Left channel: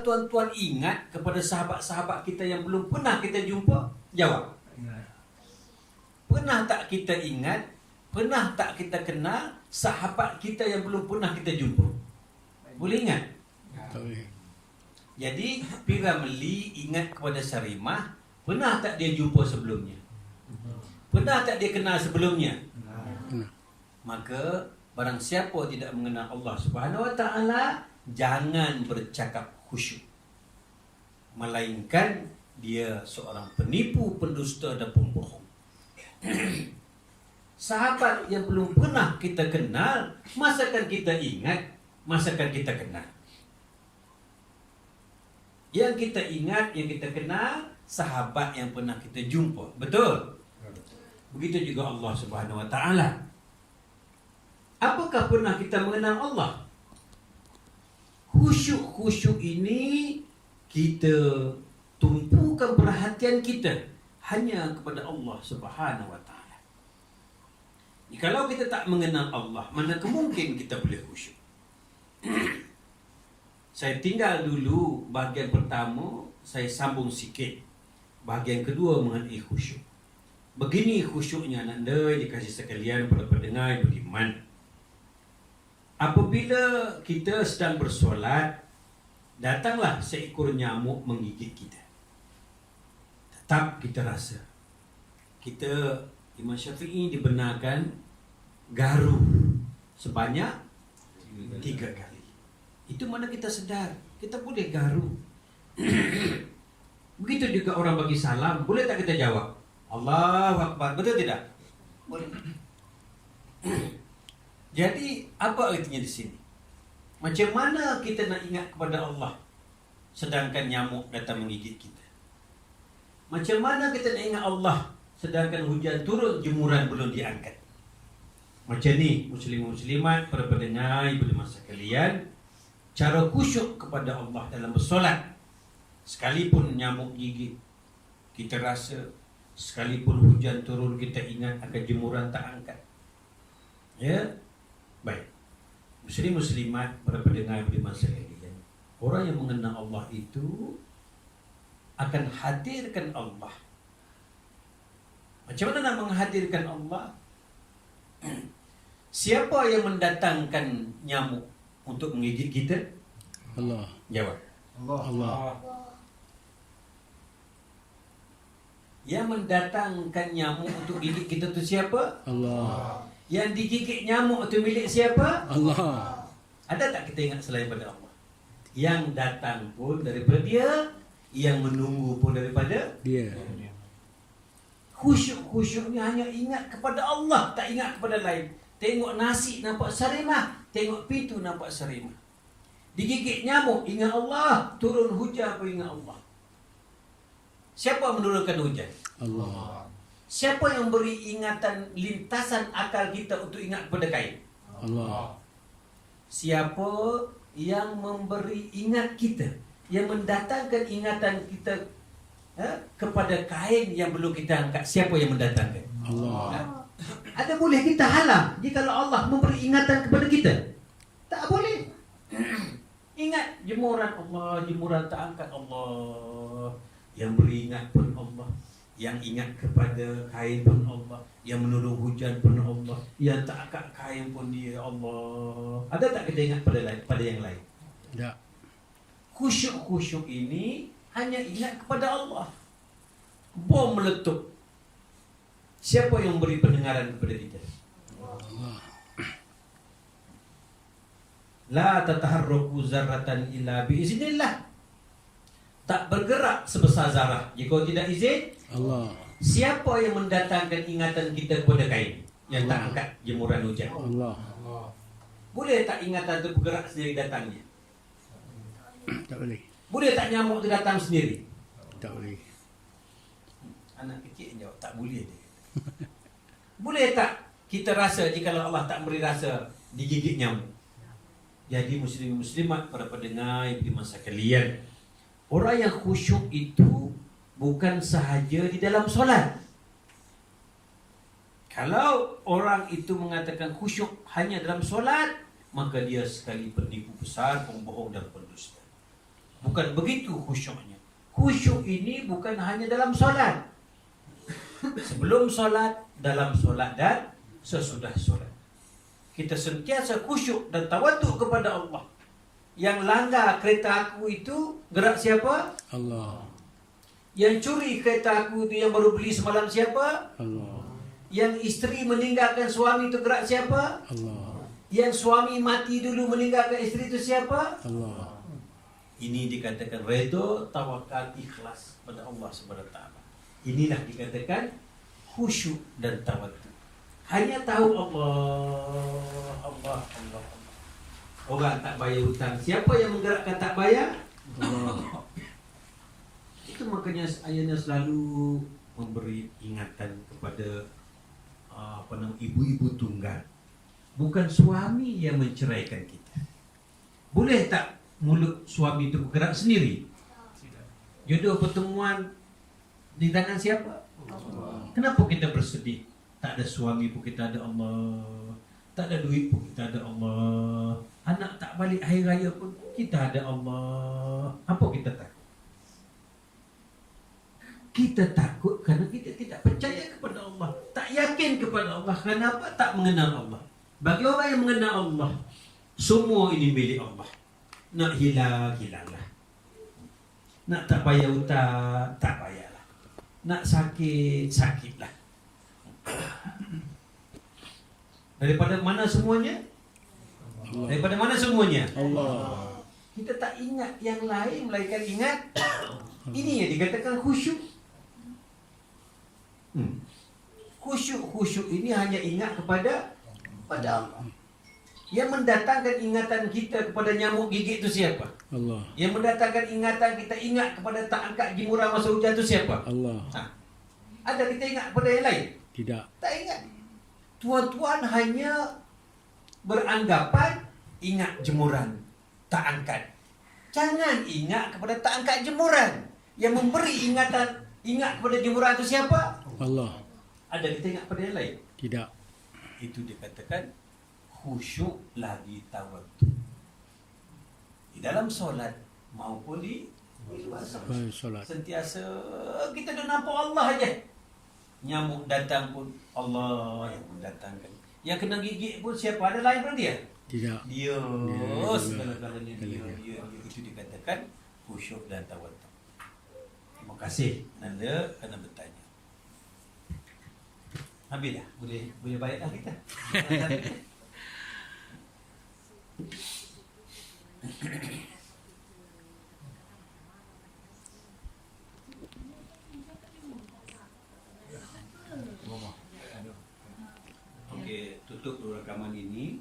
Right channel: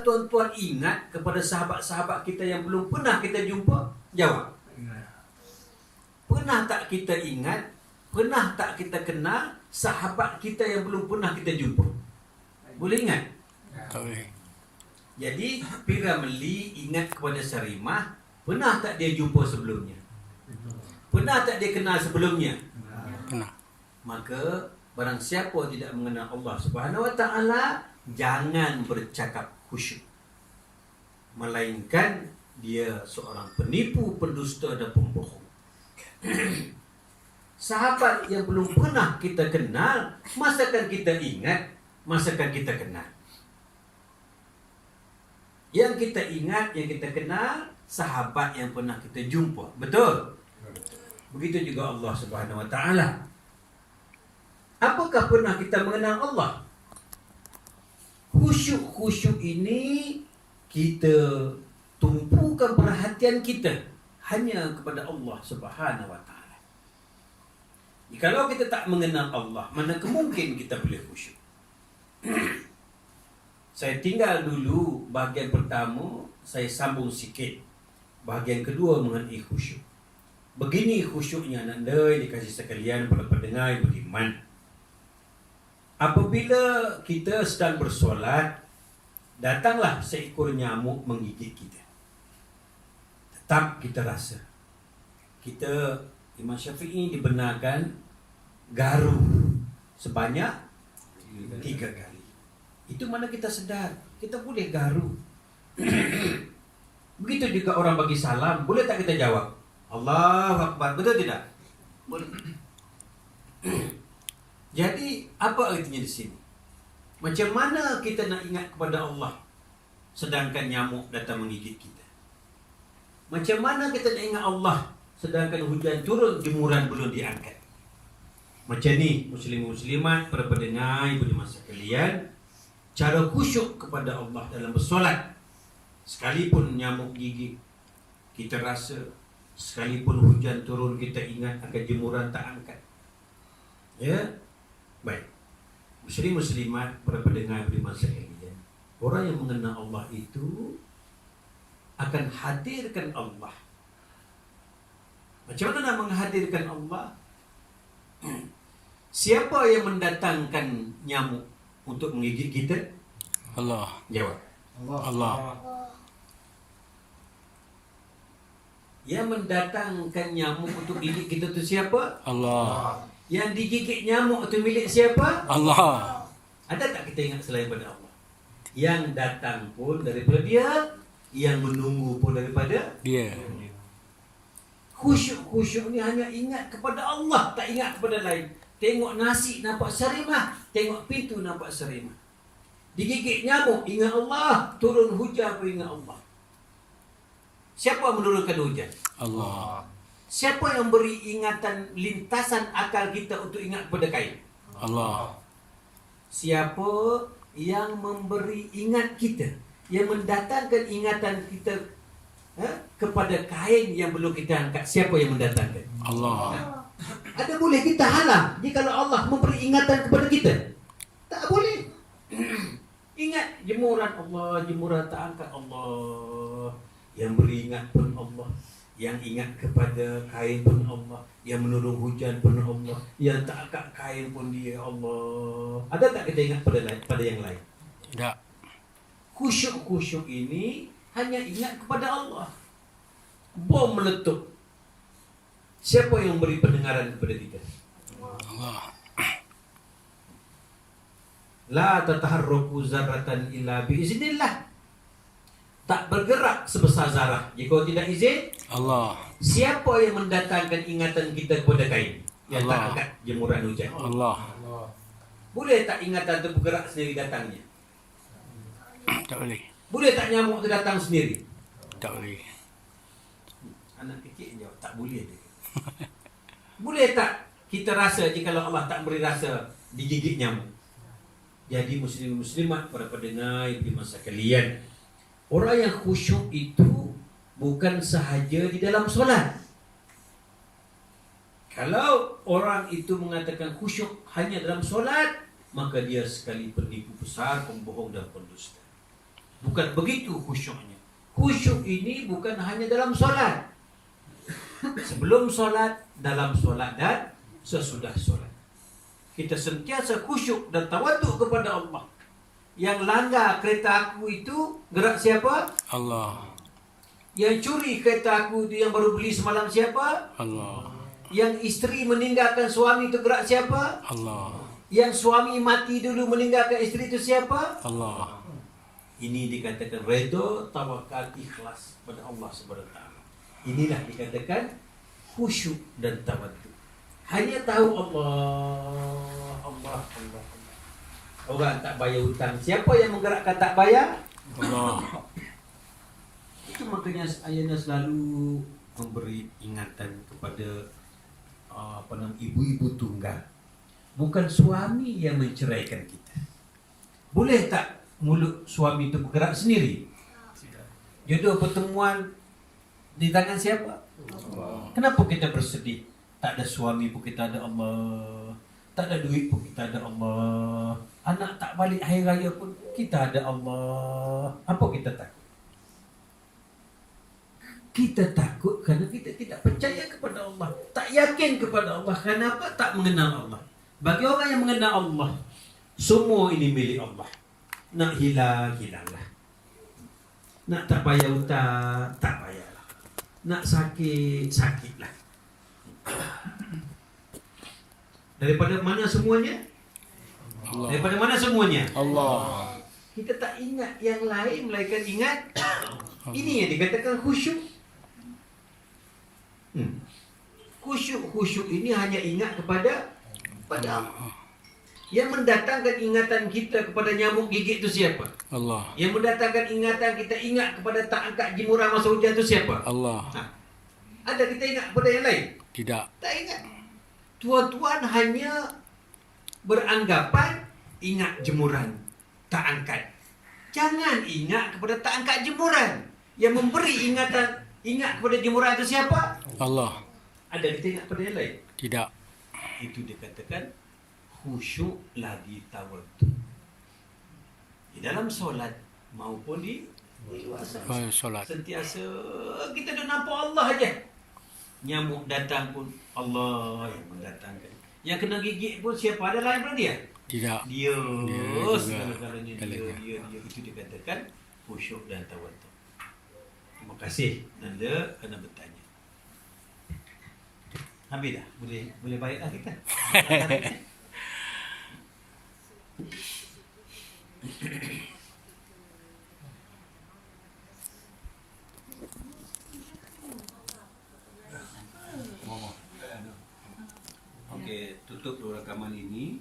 Tuan-tuan ingat kepada sahabat-sahabat kita yang belum pernah kita jumpa? Jawab. Pernah tak kita ingat? Pernah tak kita kenal sahabat kita yang belum pernah kita jumpa? Boleh ingat? Jadi Piramli ingat kepada Sarimah. Pernah tak dia jumpa sebelumnya? Pernah tak dia kenal sebelumnya? Pernah. Maka barang siapa tidak mengenal Allah Subhanahu Wa Taala, jangan bercakap khusyuk, melainkan dia seorang penipu, pendusta dan pembohong. Sahabat yang belum pernah kita kenal, masakan kita ingat, masakan kita kenal. Yang kita ingat, yang kita kenal, sahabat yang pernah kita jumpa. Betul? Begitu juga Allah Subhanahu Wa Taala. Apakah pernah kita mengenal Allah? Khusyuk-khusyuk ini kita tumpukan perhatian kita hanya kepada Allah Subhanahu Wa Taala. Kalau kita tak mengenal Allah, mana kemungkin kita boleh khusyuk? Saya tinggal dulu bahagian pertama, saya sambung sikit bahagian kedua mengenai khusyuk. Begini khusyuknya anda dikasih sekalian para pendengar yang beriman. Apabila kita sedang bersolat, datanglah seekor nyamuk menggigit kita. Tetap kita rasa. Imam Syafi'i dibenarkan garu sebanyak 3 kali. Itu mana kita sedar, kita boleh garu. Begitu juga orang bagi salam, boleh tak kita jawab? Allahu Akbar, betul tidak? Boleh. Jadi apa artinya di sini? Macam mana kita nak ingat kepada Allah sedangkan nyamuk datang menggigit kita? Macam mana kita nak ingat Allah sedangkan hujan turun, jemuran belum diangkat? Macam ni muslim-muslimat, para pendengar, ibu dan masa sekalian, cara khusyuk kepada Allah dalam bersolat. Sekalipun nyamuk gigit, kita rasa. Sekalipun hujan turun, kita ingat akan jemuran tak angkat. Ya. Baik. Muslim-muslimat, para pendengar beriman sekalian, orang yang mengenal Allah itu akan hadirkan Allah. Macam mana nak menghadirkan Allah? Siapa yang mendatangkan nyamuk untuk menggigit kita? Allah. Jawab. Allah. Yang mendatangkan nyamuk untuk gigit kita itu siapa? Allah. Yang digigit nyamuk itu milik siapa? Allah. Ada tak kita ingat selain pada Allah? Yang datang pun daripada Dia, yang menunggu pun daripada Dia. Khusyuk-khusyuk ni hanya ingat kepada Allah, tak ingat kepada lain. Tengok nasi nampak Sarimah, tengok pintu nampak Sarimah. Digigit nyamuk ingat Allah, turun hujan pun ingat Allah. Siapa menurunkan hujan? Allah. Siapa yang beri ingatan lintasan akal kita untuk ingat kepada kain? Allah. Siapa yang memberi ingat kita, yang mendatangkan ingatan kita kepada kain yang belum kita angkat? Siapa yang mendatangkan? Allah. Ada boleh kita halang jika Allah memberi ingatan kepada kita? Tak boleh. Ingat jemuran Allah, jemuran tak angkat Allah. Yang beri ingat pun Allah, yang ingat kepada kain pun Allah, yang menurun hujan pun Allah, yang tak angkat kain pun Dia Allah. Ada tak kita ingat pada yang lain? Tak. Khusyuk-khusyuk ini hanya ingat kepada Allah. Bom meletup. Siapa yang beri pendengaran kepada kita? Allah. La tataharruku zarratan illa biiznillah. Tak bergerak sebesar zarah jika tidak izin Allah. Siapa yang mendatangkan ingatan kita kepada kain yang tak Allah. angkat jemuran hujan? Allah. Boleh tak ingatan itu bergerak sendiri datangnya? Tak boleh. Boleh tak nyamuk itu datang sendiri? Tak boleh. Anak kecil jawab tak boleh dia. Boleh tak kita rasa jika Allah tak beri rasa digigit nyamuk? Jadi muslim-muslimat, para pendengar ibu masa sekalian, orang yang khusyuk itu bukan sahaja di dalam solat. Kalau orang itu mengatakan khusyuk hanya dalam solat, maka dia sekali penipu besar, pembohong dan pendusta. Bukan begitu khusyuknya. Khusyuk ini bukan hanya dalam solat. Sebelum solat, dalam solat, dan sesudah solat. Kita sentiasa khusyuk dan tawaduk kepada Allah. Yang langgar kereta aku itu gerak siapa? Allah. Yang curi kereta aku itu yang baru beli semalam siapa? Allah. Yang isteri meninggalkan suami itu gerak siapa? Allah. Yang suami mati dulu meninggalkan isteri itu siapa? Allah. Ini dikatakan redha, tawakal, ikhlas pada Allah Subhanahu wa taala. Inilah dikatakan khusyuk dan tawaduk. Hanya tahu Allah. Orang tak bayar hutang, siapa yang menggerakkan tak bayar? Allah. Itu makanya ayahnya selalu memberi ingatan kepada ibu-ibu tunggal. Bukan suami yang menceraikan kita. Boleh tak mulut suami itu bergerak sendiri? Jodoh pertemuan di tangan siapa? Kenapa kita bersedih? Tak ada suami pun kita ada Allah. Tak ada duit pun kita ada Allah. Anak tak balik hari raya pun kita ada Allah. Apa kita takut? Kita takut kerana kita tidak percaya kepada Allah. Tak yakin kepada Allah. Kenapa? Tak mengenal Allah. Bagi orang yang mengenal Allah, semua ini milik Allah. Nak hilang, hilanglah. Nak tak payah hutang, tak payahlah. Nak sakit, sakitlah. Daripada mana semuanya? Allah. Daripada mana semuanya? Allah. Kita tak ingat yang lain, melainkan ingat ini yang dikatakan khusyuk. Khusyuk ini hanya ingat kepada Allah. Yang mendatangkan ingatan kita kepada nyamuk gigit itu siapa? Allah. Yang mendatangkan ingatan kita ingat kepada tak angkat jemuran masa hujan itu siapa? Allah. Ada kita ingat kepada yang lain? Tidak. Tak ingat. Tuan-tuan hanya beranggapan ingat jemuran, tak angkat. Jangan ingat kepada tak angkat jemuran. Yang memberi ingatan ingat kepada jemuran itu siapa? Allah. Ada kita ingat kepada yang lain? Tidak. Itu dikatakan khusyuk lagi tawaduk. Di dalam solat maupun di luar Solat. sentiasa kita duk nampak Allah aja. Nyamuk datang pun Allah yang mendatangkan. Yang kena gigit pun siapa? Ada lain pada dia? Tidak. Dia. Dia Segala-galanya dia. Itu dikatakan khusyuk dan tawaduk. Terima kasih Nanda kerana bertanya. Habis dah? Boleh baiklah kita. Okey, tutup dulu rakaman ini.